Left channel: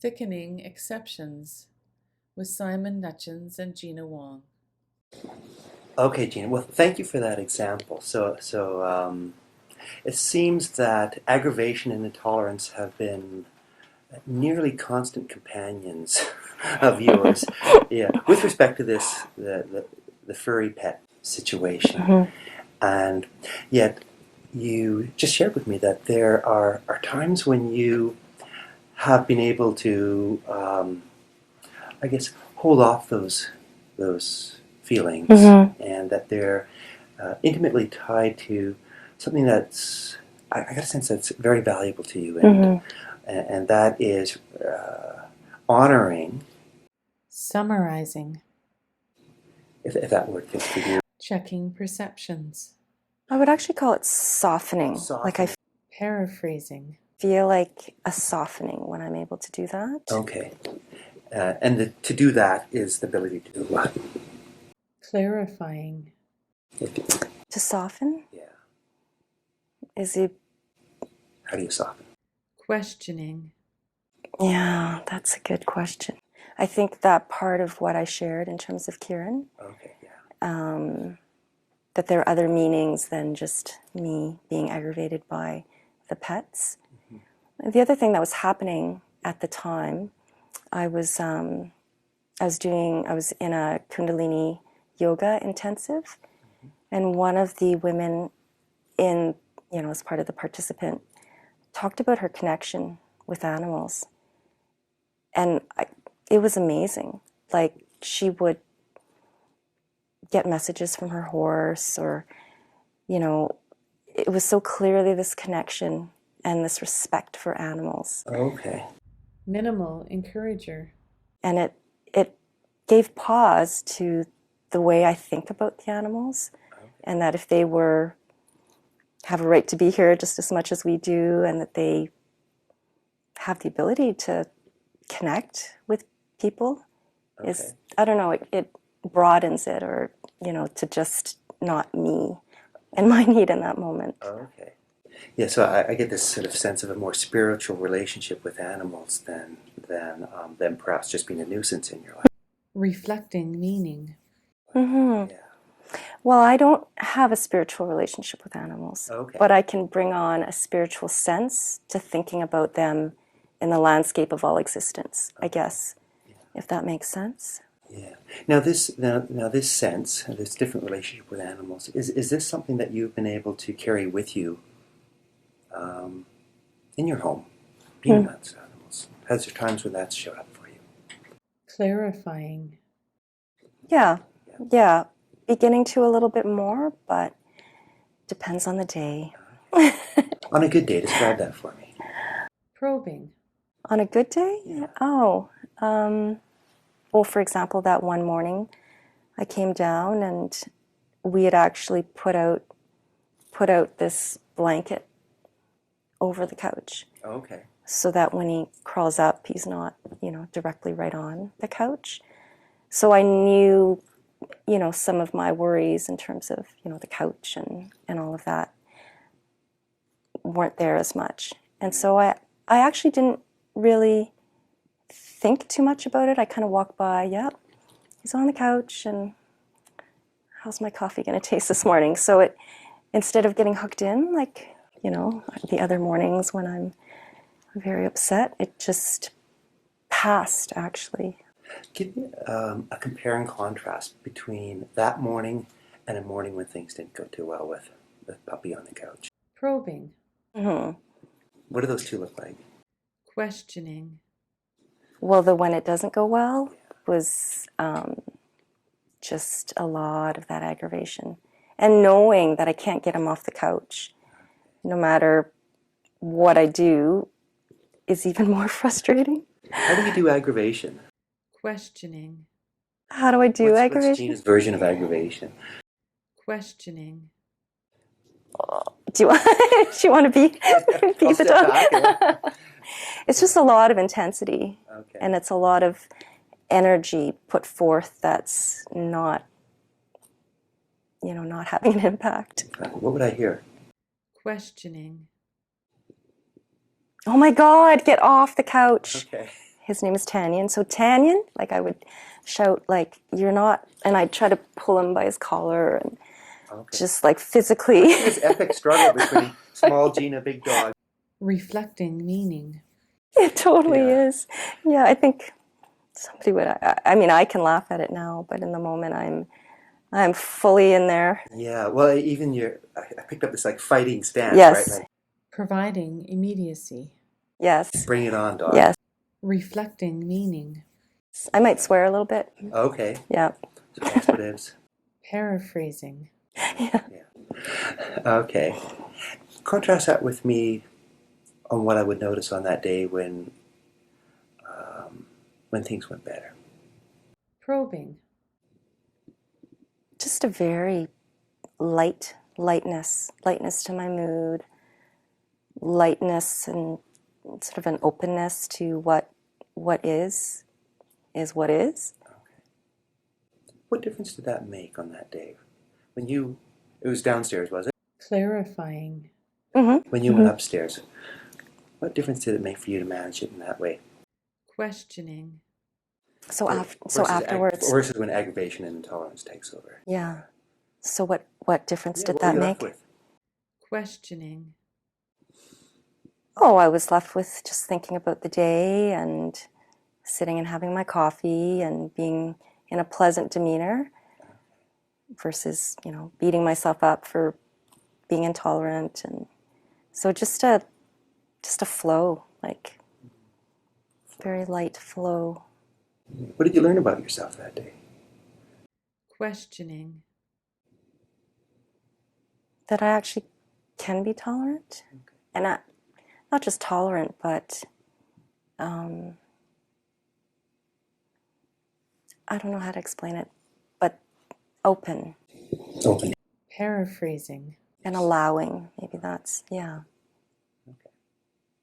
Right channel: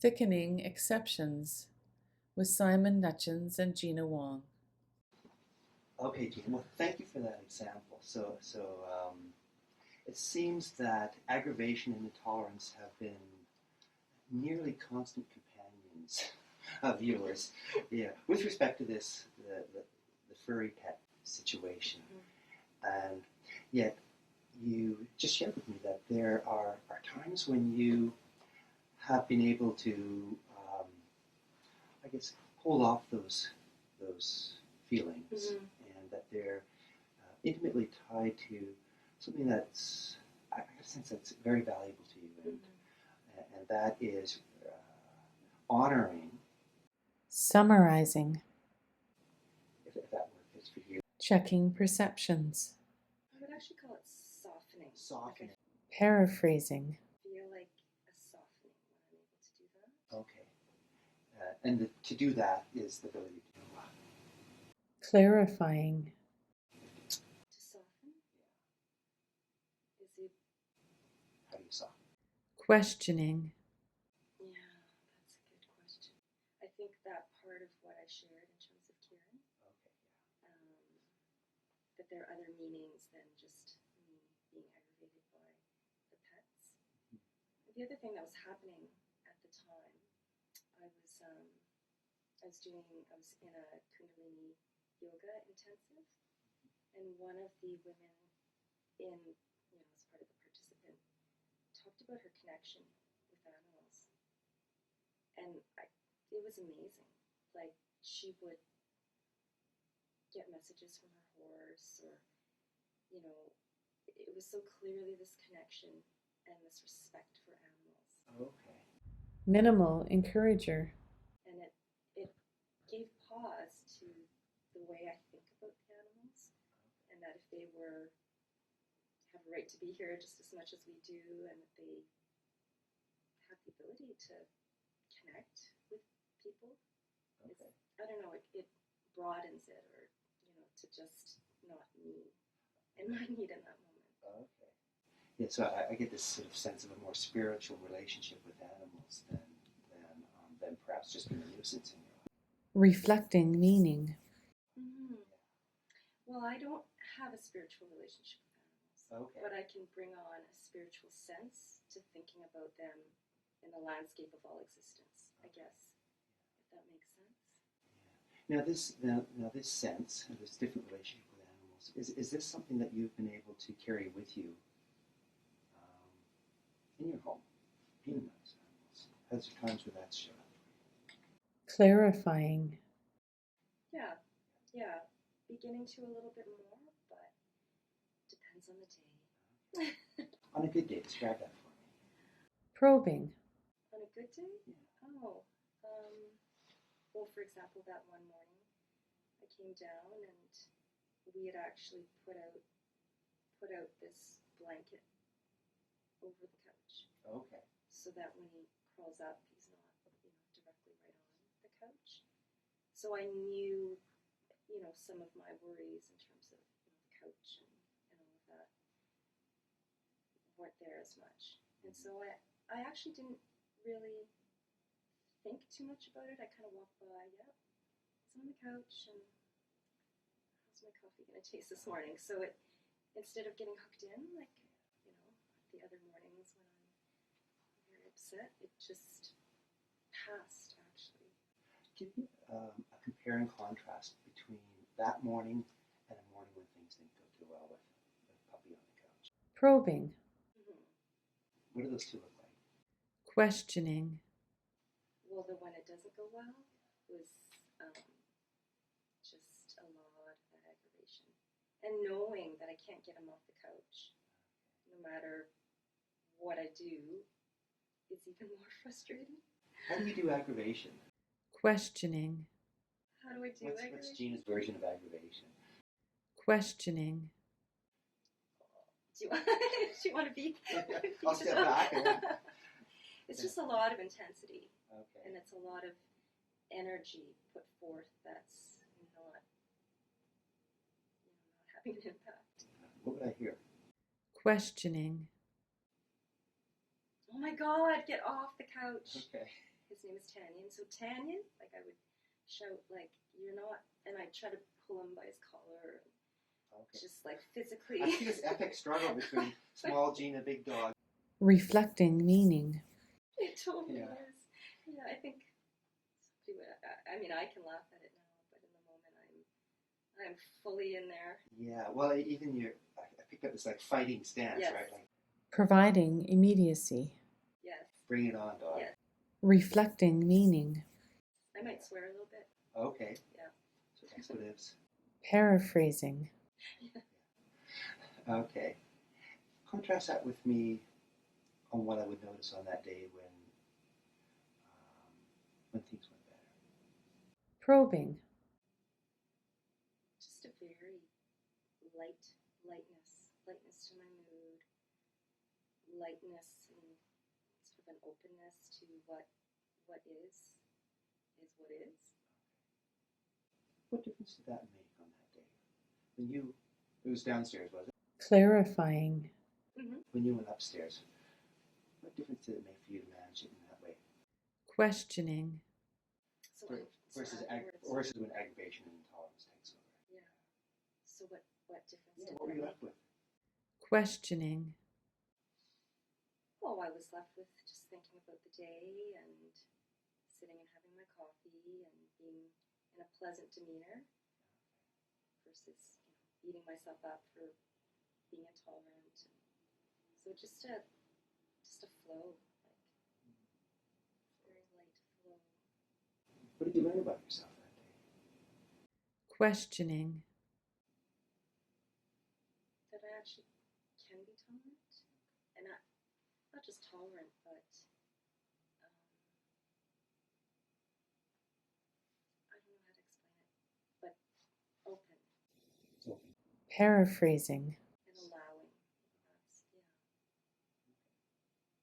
Thickening Exceptions with Simon Nuttgens and Gina Wong. Okay, Gina. Well, thank you for that example. It seems that aggravation and intolerance have been nearly constant companions of yours. Yeah, with respect to the furry pet situation, and yet you just shared with me that there are times when you have been able to, I guess, hold off those feelings, and that they're intimately tied to something that's, I got a sense that's very valuable to you, and that is honoring, Summarizing. if that word fits for you. Checking perceptions. I would actually call it softening. Like I Paraphrasing. feel like a softening when I'm able to do that. Okay. And to do that is the ability to do what? Clarifying. To soften Yeah. is it? How do you soften? Questioning. Yeah, that's a good question. I think that part of what I shared in terms of Kieran, Okay, yeah. that there are other meanings than just me being aggravated by the pets. The other thing that was happening at the time, I was in a Kundalini yoga intensive, and one of the women as part of the participant, talked about her connection with animals, and it was amazing. Like, she would get messages from her horse, or it was so clearly this connection and this respect for animals. Okay. Minimal encourager. And it gave pause to the way I think about the animals, and that if they have a right to be here just as much as we do, and that they have the ability to connect with people, is, I don't know, it broadens it, or to just not me and my need in that moment. Okay. Yeah, so I get this sort of sense of a more spiritual relationship with animals than perhaps just being a nuisance in your life. Reflecting meaning. Yeah. Well, I don't have a spiritual relationship with animals, but I can bring on a spiritual sense to thinking about them in the landscape of all existence, I guess, if that makes sense. Yeah. Now this sense, this different relationship with animals, is this something that you've been able to carry with you in your home, being around animals? Has there times when that's showed up for you? Clarifying. Yeah. Beginning to a little bit more, but depends on the day. On a good day, describe that for me. Probing. On a good day? Yeah. Well, for example, that one morning I came down and we had actually put out this blanket over the couch. Okay. So that when he crawls up, he's not, directly right on the couch. So I knew, some of my worries in terms of, the couch and all of that weren't there as much. And so I actually didn't really think too much about it. I kind of walked by, yep, he's on the couch, and how's my coffee going to taste this morning? So instead of getting hooked in, like, the other mornings when I'm very upset, it just passed, actually. Give me a compare and contrast between that morning and a morning when things didn't go too well with the puppy on the couch. Probing. What do those two look like? Questioning. Well, the when it doesn't go well was just a lot of that aggravation. And knowing that I can't get him off the couch, no matter what I do, is even more frustrating. How do you do aggravation? Questioning. How do I do aggravation? What's Gina's version of aggravation? Questioning. Do you want to be the dog? It's just a lot of intensity, and it's a lot of energy put forth that's not, not having an impact. What would I hear? Questioning. Oh my God, get off the couch. Okay. his name is Tanyan. So Tanyan, like I would shout like, "You're not," and I'd try to pull him by his collar and just like physically. This epic struggle between small Gina, big dog. Reflecting meaning. It totally is. Yeah, I think somebody would. I mean, I can laugh at it now, but in the moment, I'm fully in there. Yeah, well, even I picked up this like fighting stance, Yes. right? Like, Providing immediacy. Yes. bring it on, dog. Yes. Reflecting meaning. I might swear a little bit. Okay. Yeah. So expletives. Paraphrasing. Yeah. Okay. Contrast that with me on what I would notice on that day when things went better. Probing. Just a very lightness to my mood, lightness and sort of an openness to what is what is. What difference did that make on that day? It was downstairs, was it? Clarifying. Mm-hmm. When you went upstairs, what difference did it make for you to manage it in that way? Questioning. So afterwards. Versus when aggravation and intolerance takes over. Yeah. So what difference did what that were you make? left with? Questioning. Oh, I was left with just thinking about the day and sitting and having my coffee and being in a pleasant demeanor versus, beating myself up for being intolerant. And so just a flow, like very light flow. What did you learn about yourself that day? Questioning. That I actually can be tolerant. And not just tolerant, but I don't know how to explain it, but open. Open. Paraphrasing. And allowing, maybe that's, yeah.